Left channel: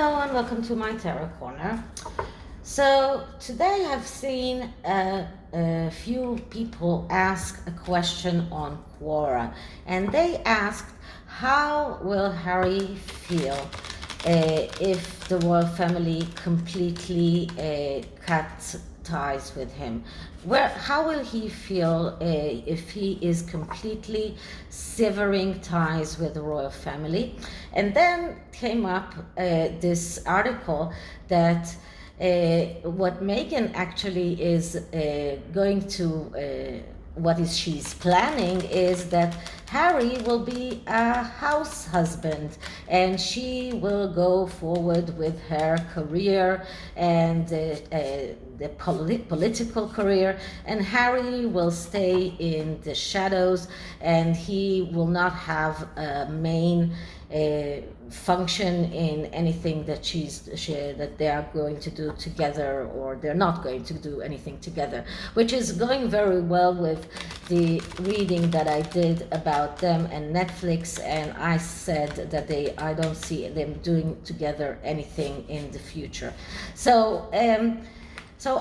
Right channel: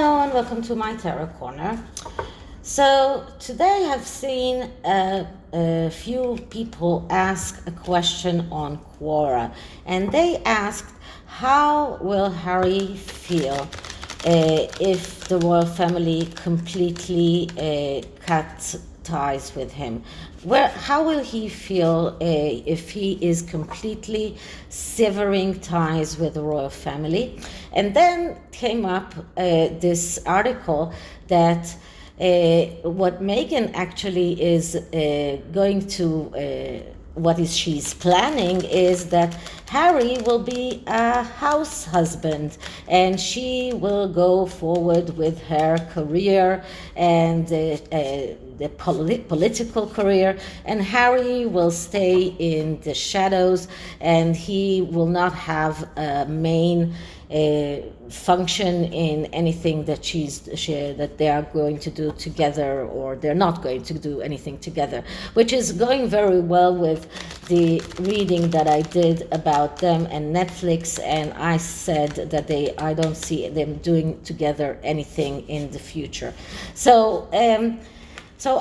Hello and welcome to my Tarot Corner. So today I've seen a few people ask a question on Quora, and they asked, how will Harry feel if the royal family completely cut ties with him? How will he feel if he is completely severing ties with the royal family? And then came up this article that what Meghan actually is she's planning is that Harry will be a house husband and she will go forward with her career and the political career, and Harry will stay in the shadows and he will not have a main function in anything that that they are going to do together, or they're not going to do anything together, which is going very well with the reading that I did about them and Netflix, and I said that I don't see them doing together anything in the future. So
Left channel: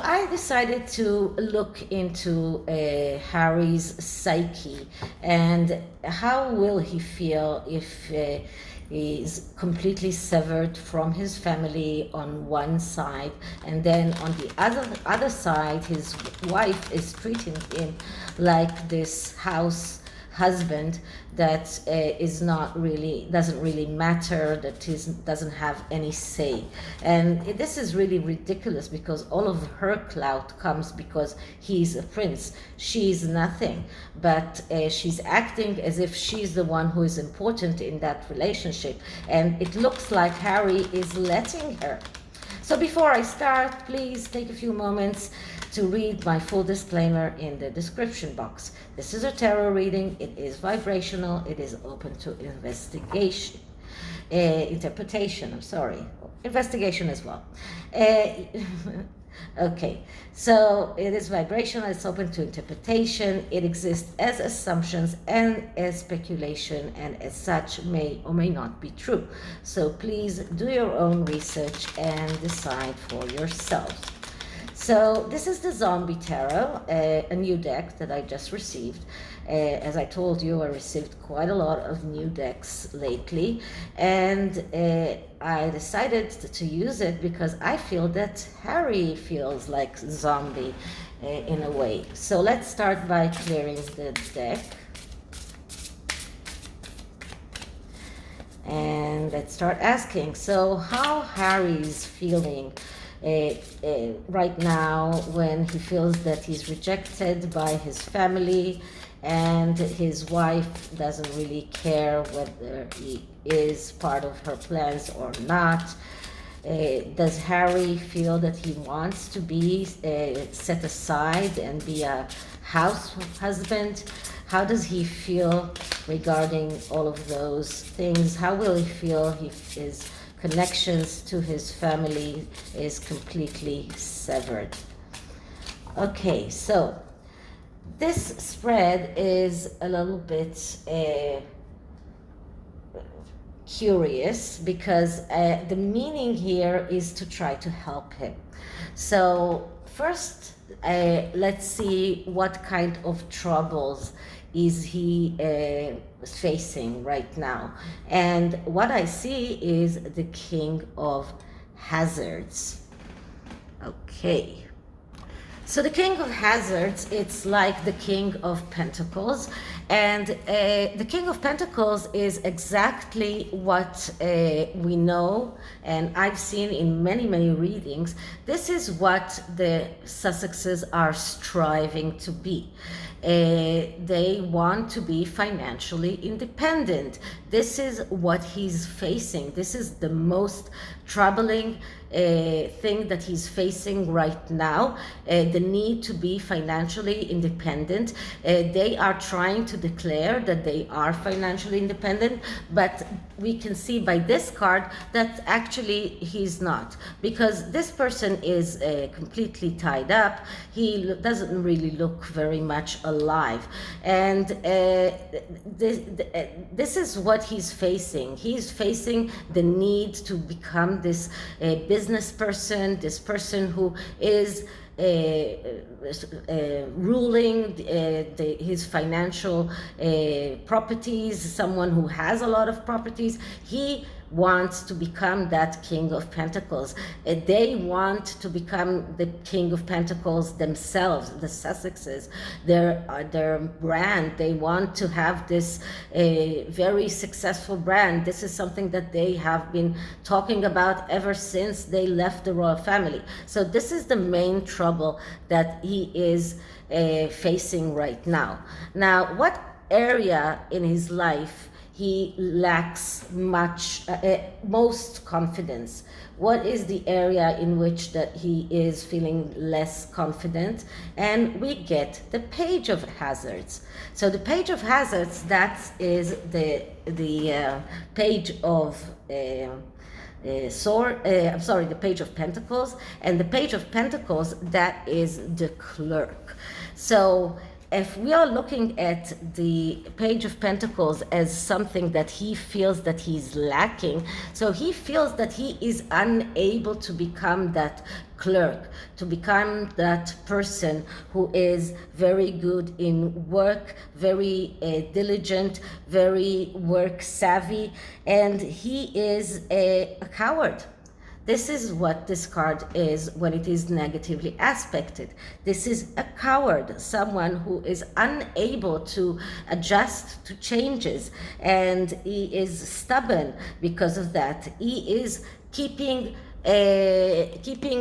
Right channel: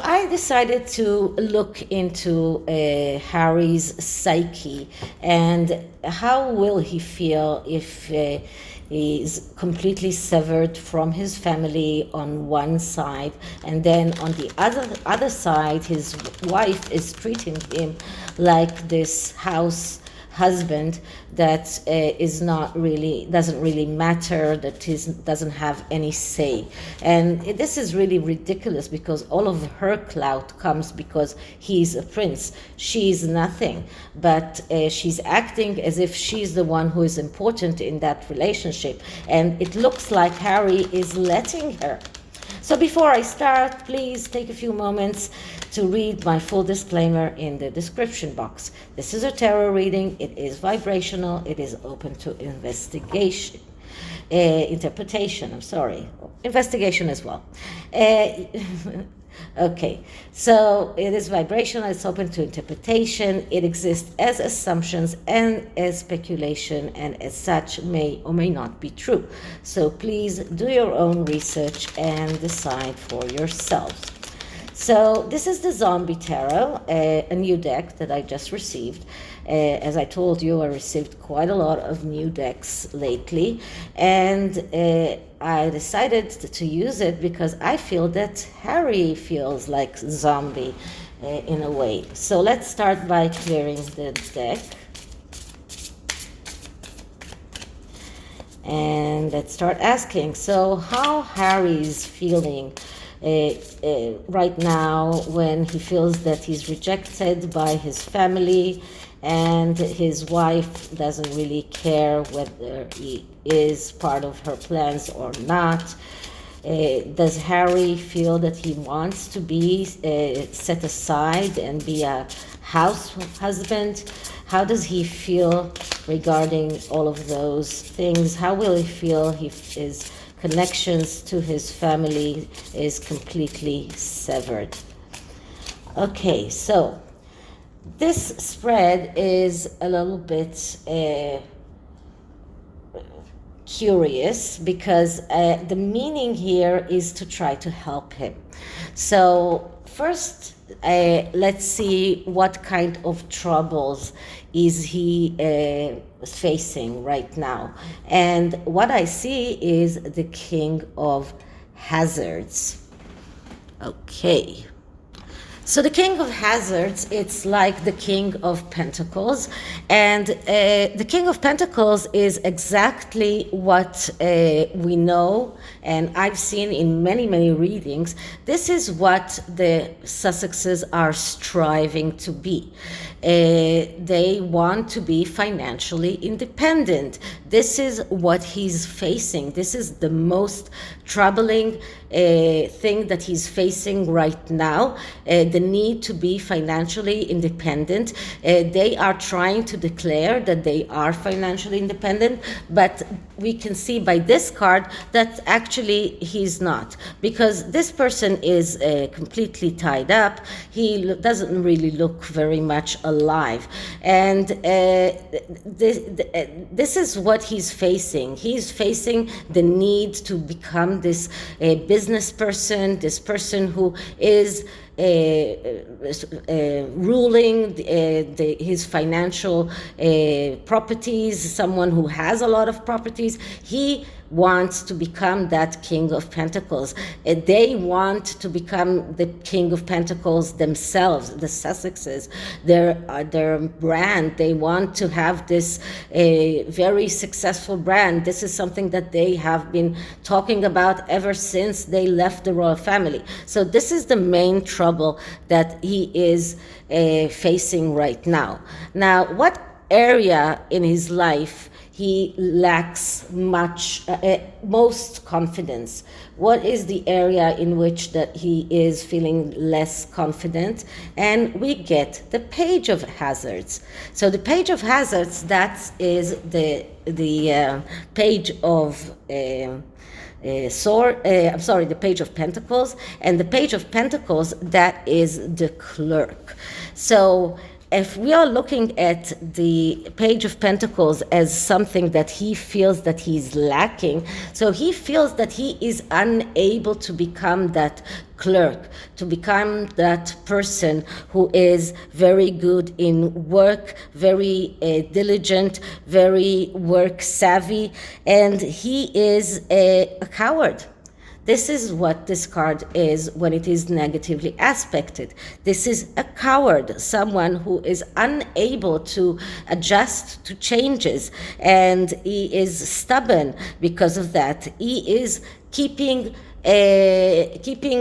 I decided to look into Harry's psyche and how will he feel if he's completely severed from his family on one side, and then on the other side his wife is treating him like this house husband that doesn't really matter, that doesn't have any say. And this is really ridiculous because all of her clout comes because he's a prince. She's nothing, but she's acting as if she's the one who is important in that relationship, and it looks like Harry is letting her. So before I start, please take a few moments to read my full disclaimer in the description box. This is a tarot reading. It is vibrational. It is open to investigation as well. Okay, so it is vibrational, it's open to interpretation, it exists as assumptions and as speculation, and as such may or may not be true. So please do your own research and decide for yourselves. So this is the Zombie Tarot, a new deck that I just received. As I told you, I received quite a lot of new decks lately, and I decided to use it because I feel that Harry feels like zombie in a way. So let's start by clearing the deck. And let's start asking, so how Harry's feeling right now when he feels that he's rejected by his family and his wife doesn't really care whether he is part of her plans or not. Does Harry feel that he wants to be set aside and be a house husband? How does he feel regarding all of those things? How will he feel if his connections to his family is completely severed? Okay, so this spread is a little bit curious because the meaning here is to try to help him. So first, let's see what kind of troubles is he facing right now. And what I see is the King of Hazards. Okay. So the King of Hazards, it's like the King of Pentacles. And the King of Pentacles is exactly what we know, and I've seen in many, many readings. This is what the Sussexes are striving to be. They want to be financially independent. This is what he's facing. This is the most troubling thing that he's facing right now. The the need to be financially independent. They are trying to declare that they are financially independent, but we can see by this card that actually he's not, because this person is completely tied up. He doesn't really look very much alive, and this is what he's facing. He's facing the need to become this business person, this person who is ruling his financial properties, someone who has a lot of properties. He wants to become that King of Pentacles. They want to become the King of Pentacles themselves, the Sussexes, their brand. They want to have this very successful brand. This is something that they have been talking about ever since they left the royal family. So this is the main trouble that he is facing right now. Now, what area in his life he lacks most confidence? What is the area in which that he is feeling less confident? And we get the Page of Hazards. So the Page of Hazards, that is the Page of the Page of Pentacles, and the Page of Pentacles, that is the Clerk. So if we are looking at the Page of Pentacles as something that he feels that he's lacking, so he feels that he is unable to become that clerk, to become that person who is very good in work, very diligent, very work savvy, and he is a coward. This is what this card is when it is negatively aspected. This is a coward, someone who is unable to adjust to changes, and he is stubborn because of that. He is keeping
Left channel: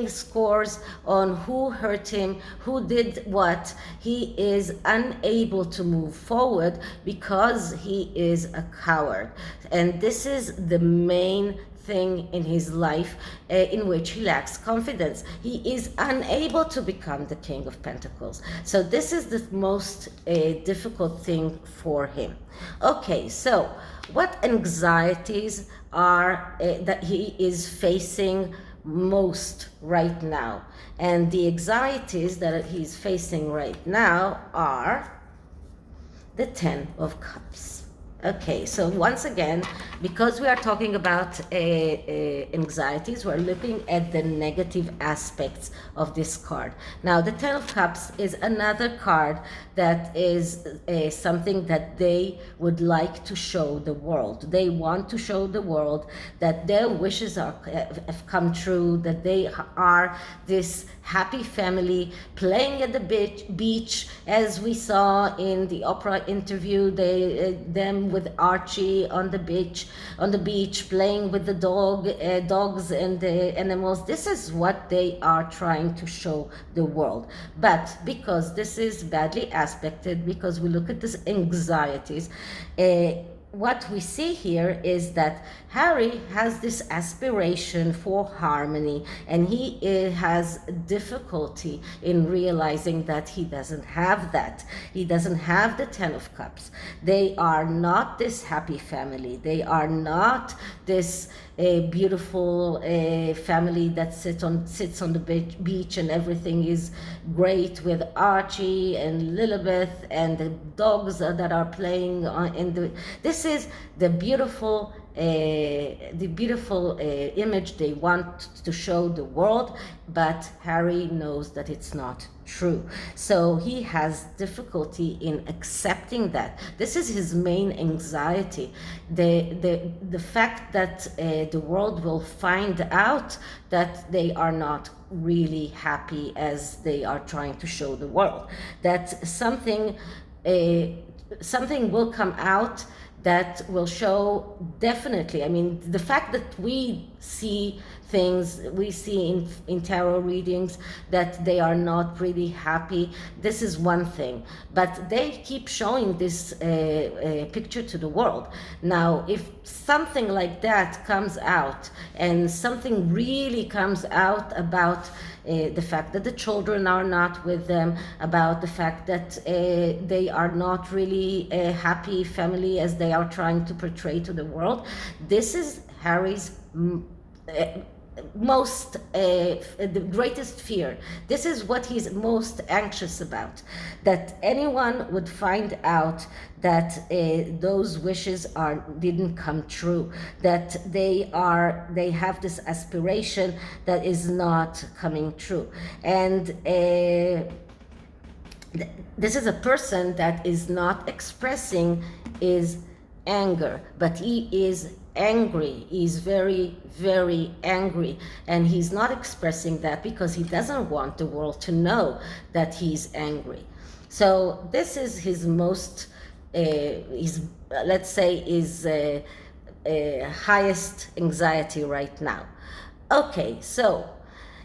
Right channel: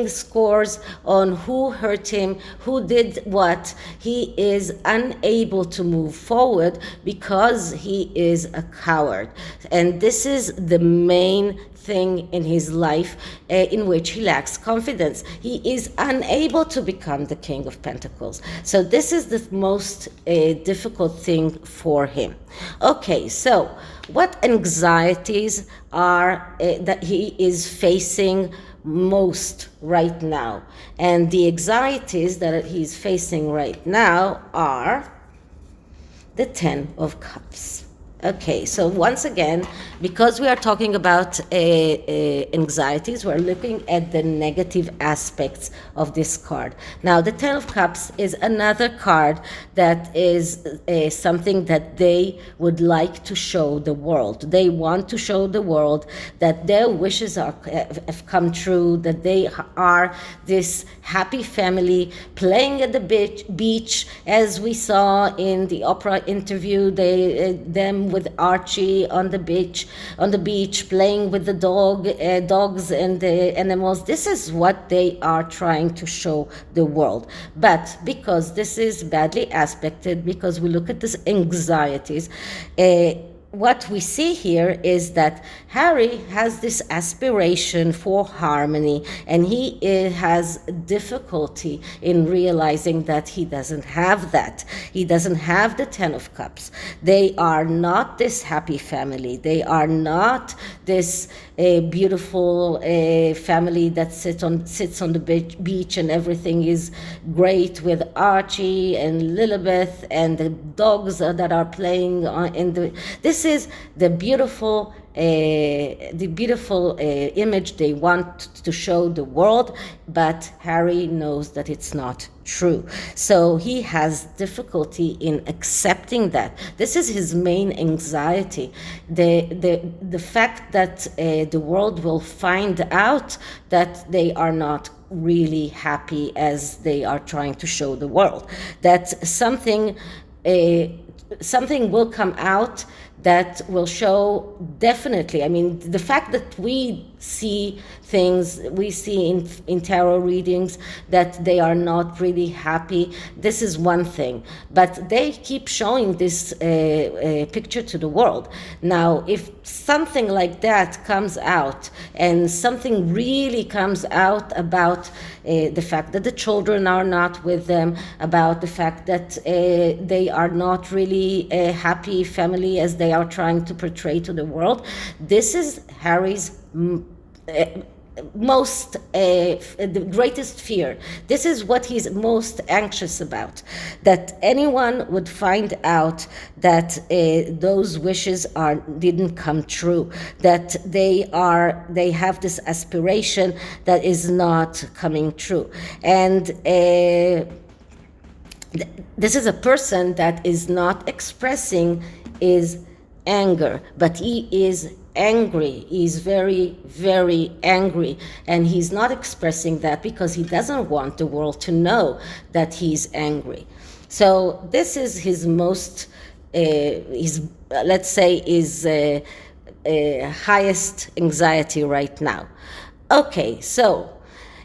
scores on who hurt him, who did what. He is unable to move forward because he is a coward. And this is the main thing in his life in which he lacks confidence. He is unable to become the King of Pentacles. So this is the most difficult thing for him. Okay, so what anxieties are that he is facing most right now? And the anxieties that he's facing right now are the Ten of Cups. Okay, so once again, because we are talking about anxieties, we're looking at the negative aspects of this card. Now, the Ten of Cups is another card that is something that they would like to show the world. They want to show the world that their wishes have come true, that they are this happy family playing at the beach, as we saw in the Oprah interview, them with Archie on the beach, playing with the dogs and the animals. This is what they are trying to show the world. But because this is badly aspected, because we look at these anxieties, what we see here is that Harry has this aspiration for harmony, and he has difficulty in realizing that he doesn't have that. He doesn't have the Ten of Cups. They are not this happy family. They are not this beautiful family that sits on the beach and everything is great with Archie and Lilibeth and the dogs that are playing in the. This is the beautiful image they want to show the world, but Harry knows that it's not true. So he has difficulty in accepting that. This is his main anxiety. The fact that the world will find out that they are not really happy as they are trying to show the world. That something will come out that will show definitely. I mean, the fact that we see things, we see in tarot readings that they are not really happy. This is one thing, but they keep showing this picture to the world. Now, if something like that comes out, and something really comes out about the fact that the children are not with them, about the fact that they are not really a happy family as they are trying to portray to the world, this is Harry's the greatest fear. This is what he's most anxious about, that anyone would find out that those wishes didn't come true, that they have this aspiration that is not coming true. And this is a person that is not expressing his anger, but he is angry. He's very, very angry, and he's not expressing that because he doesn't want the world to know that he's angry. So this is his most, let's say, his highest anxiety right now. Okay, so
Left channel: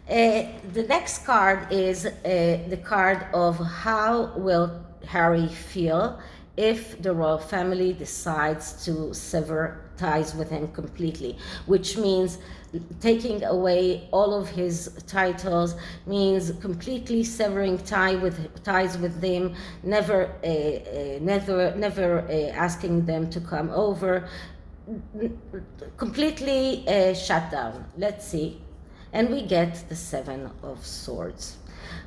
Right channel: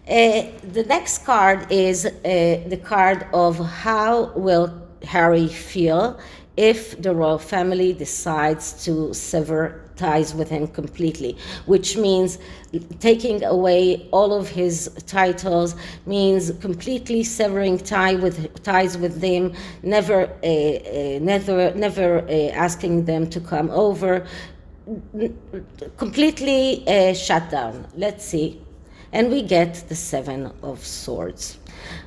the next card is the card of how will Harry feel if the royal family decides to sever ties with him completely, which means taking away all of his titles, means completely severing ties with them, never asking them to come over, completely shut down. Let's see. And we get the Seven of Swords.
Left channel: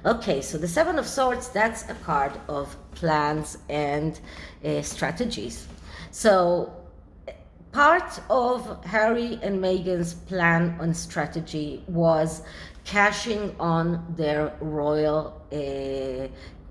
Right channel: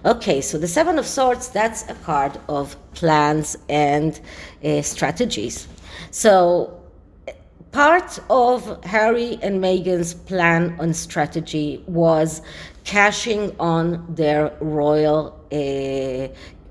Okay, so the Seven of Swords, that's a card of plans and strategies. So part of Harry and Meghan's plan and strategy was cashing on their royal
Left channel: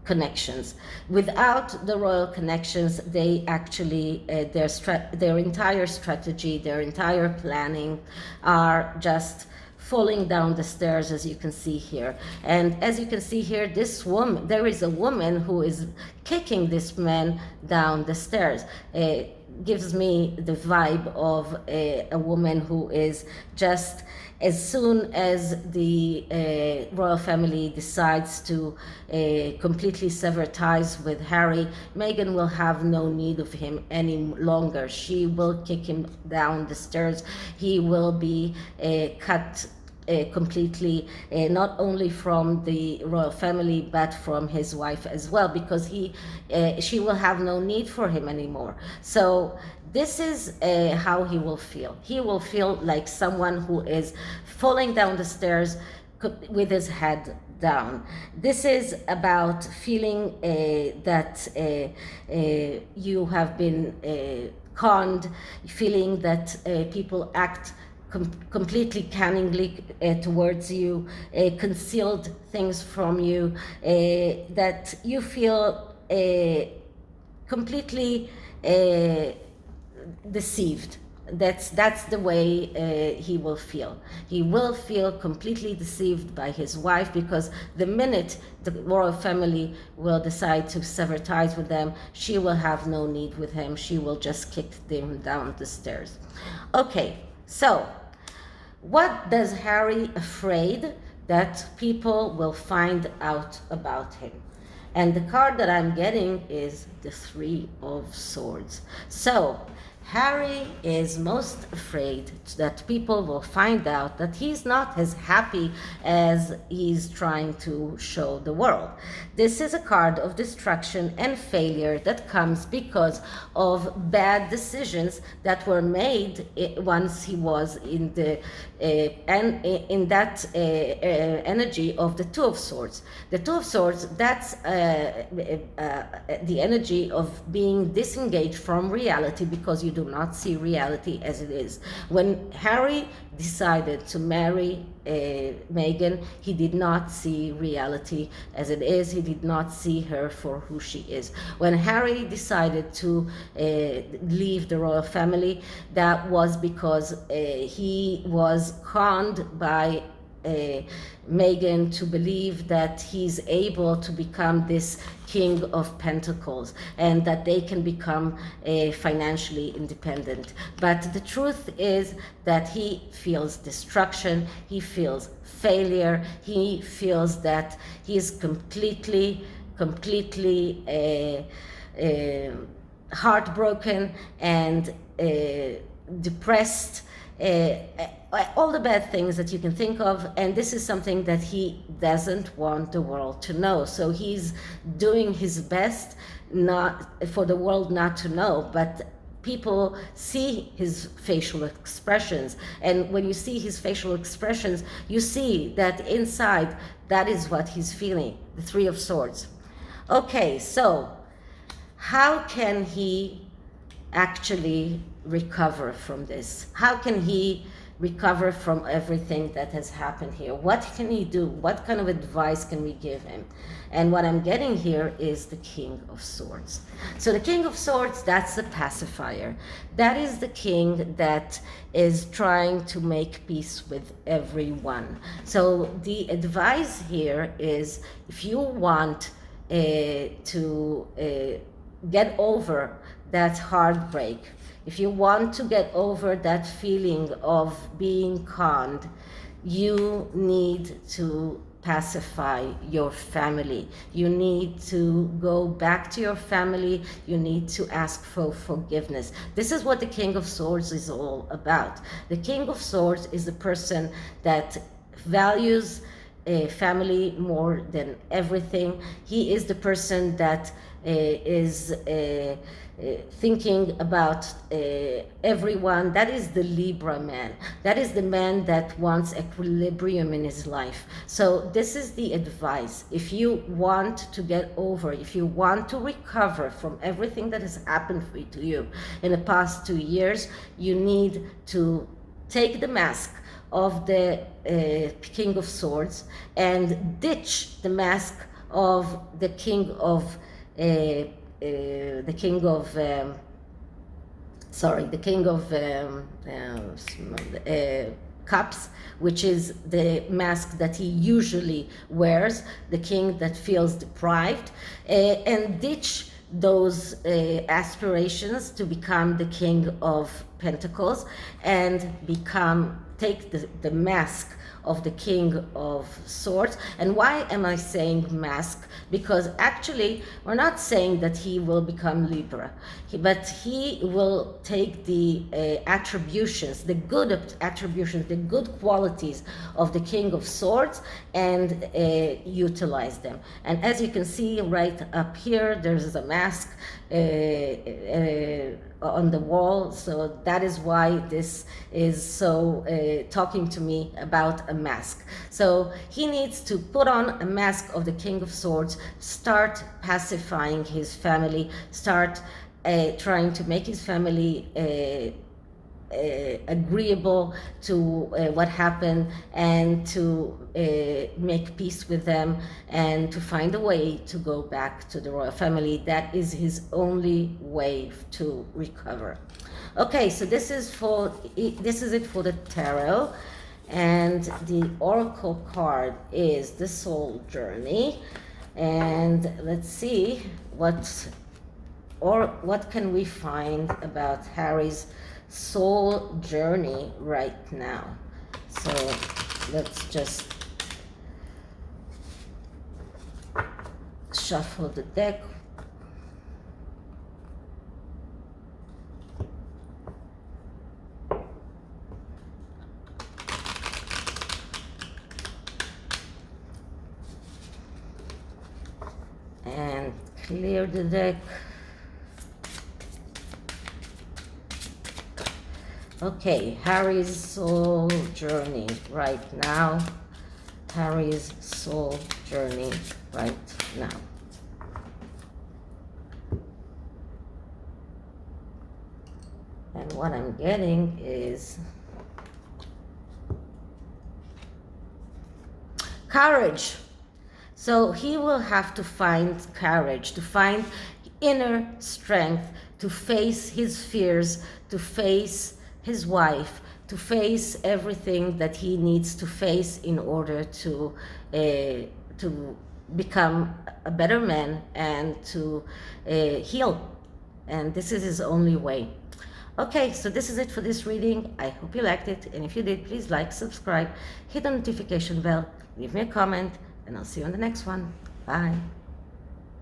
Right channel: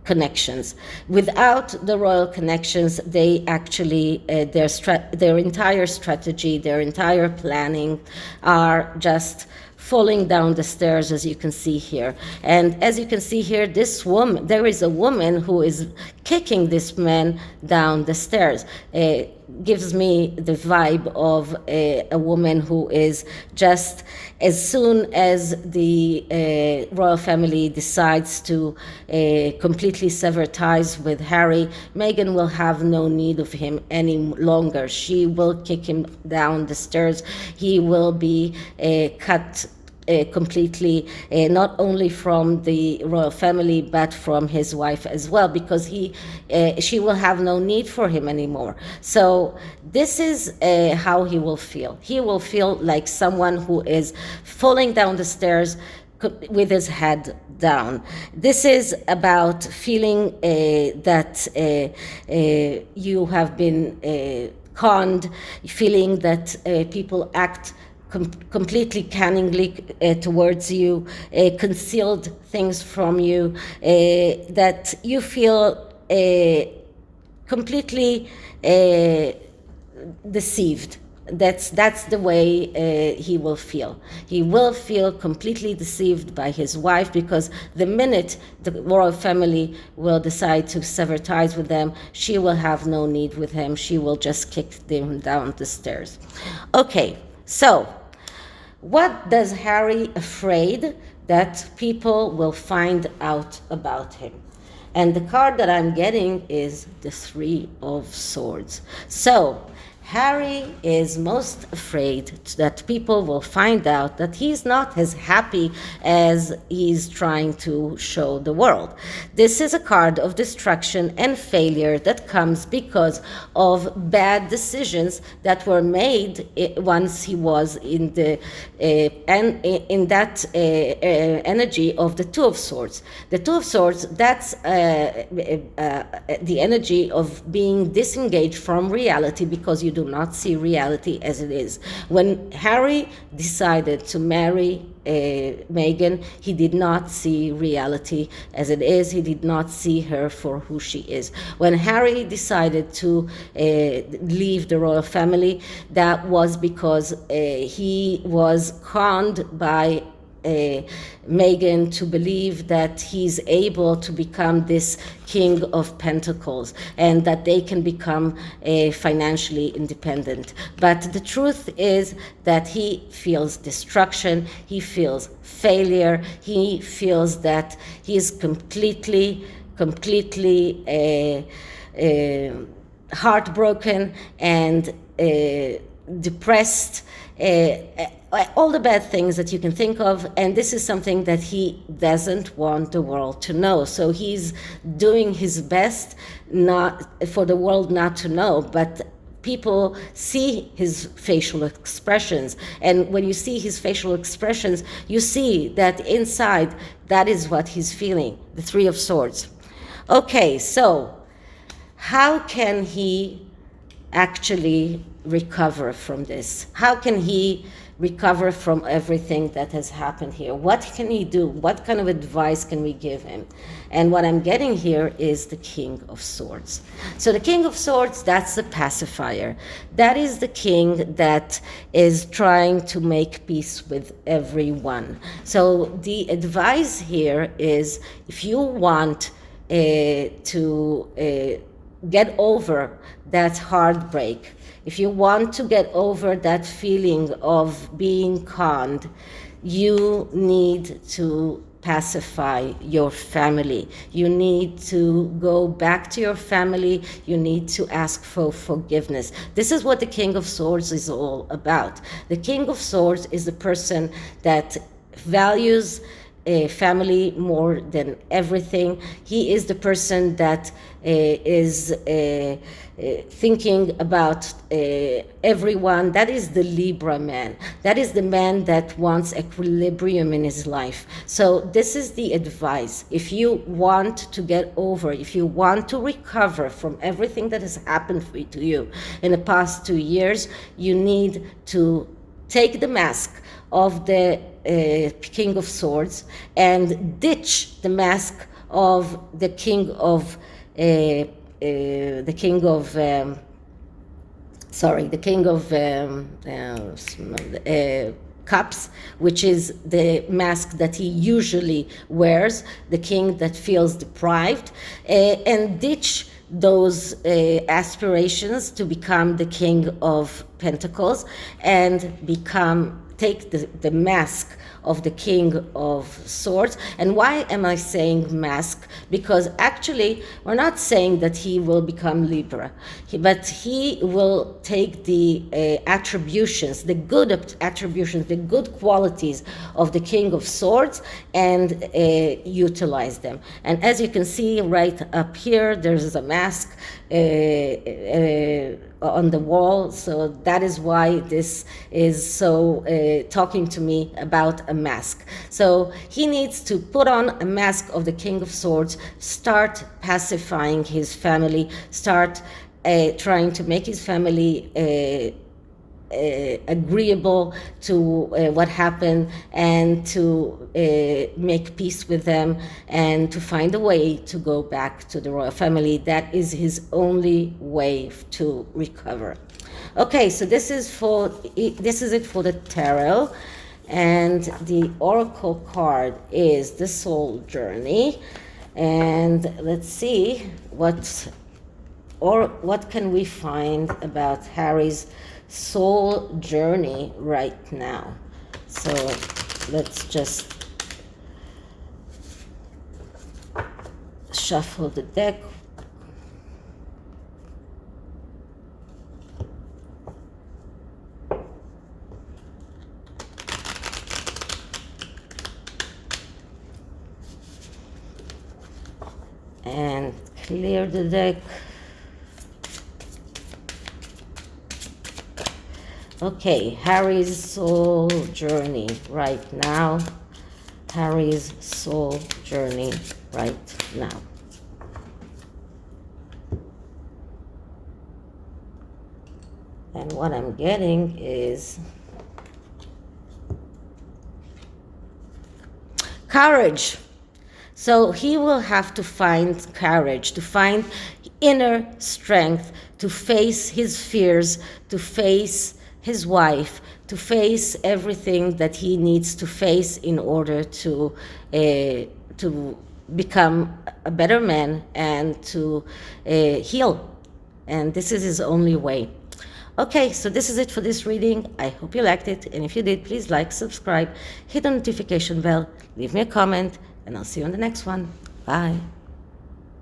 connections. Without the royal connections, they actually, their entire strategy, their entire planning are just falling down the stairs, as you can see here. And as you can see here, this woman, there is a woman who is kicking this man down the stairs. Gives me the vibe of a woman who is just, as soon as the royal family decides to completely sever ties with Harry, Meghan will have no need of him any longer. She will kick him down the stairs. He will be cut completely, not only from the royal family but from his wife as well, because she will have no need for him anymore. So this is how he will feel. He will feel like someone who is falling down the stairs with his head down. This is about feeling that you have been conned, feeling that people act completely cunningly towards you, concealed things from you, that you feel completely deceived. That's the way he will feel. He will feel completely deceived by his wife, because the minute the royal family will decide to sever ties with them, she will have no need with him. She will just kick them down the stairs. Okay, so what does Harry afraid that people will find out about him? And the card that I'm getting is the Three of Swords. So Harry is most afraid that people will find out that he's not as happy as he's trying to show the world. This is a card of destruction and failure that comes because of bad decisions that were made once he was in the energy of the Two of Swords. The Two of Swords, that's the energy of being disengaged from reality, because you do not see reality as it is. When Harry decided to marry Meghan, he did not see reality as it is. He did not see her for who she is. When Harry decided to leave the royal family, that was because he was conned by Meghan to believe that he's able to become this King of Pentacles and that they can become financially independent. But the truth is that he feels destruction, he feels failure, he feels that he is completely heartbroken and depressed, all the bad things that you can think of, and this is something that he doesn't want the world to know. So he's doing his best not for the world not to know, but people see his facial expressions, and when you see his facial expressions, you see that inside that is what he's feeling, the Three of Swords. Okay, so how can he actually recover from this? How can he recover from everything that has happened here? What can he do? What kind of advice can we give him? And what I'm getting here is the King of Swords. So the King of Swords, that's the pacifier. That is the king that is trying to make peace with everyone. So the advice here is, if you want to get over that heartbreak, if you want to get over that feeling of being conned, you need to pacify your family. You need to go back to your family. You need to ask for forgiveness. This is what the King of Swords is all about. The King of Swords is the person that values family more than everything. He is the person that is thinking about everyone. That is the Libra man. That is the man that wants equilibrium in his life. So this is the advice. If you want to get over, if you want to recover from everything that has happened to you in the past 2 years, you need to take the mask of the King of Swords and ditch the mask of the King of Cups, which is the mask that he usually wears, the king that feels deprived, and ditch those aspirations to become the King of Pentacles and take the mask of the King of Swords. And why am I saying mask? Because actually we're not saying that he will become Libra, but he will take the attributions, the good attributions, the good qualities of the King of Swords and utilize them. And as you can see right up here, there's a mask on the wall. So that is why this is so talking to me about a mask. So he needs to put on a mask of the King of Swords, start pacifying his family, start trying to make his family agreeable to what happened, and to make peace with them, and to find a way to go back to the royal family. That is his only way to recover. Okay, so this is it for the tarot, and the oracle card is the soul journey. And let's see what can we find about Harry's soul journey right now. So let's just shuffle the deck. And clear the deck. Okay, Harry's soul journey right now. Harry's soul journey right now. And what I'm getting is courage. So he will have to find courage, to find inner strength, to face his fears, to face his wife, to face everything that he needs to face in order to become a better man and to heal. And this is his only way. Okay, so this is it for this reading. I hope you liked it, and if you did, please like, subscribe, hit the notification bell, leave me a comment, and I'll see you on the next one. Bye.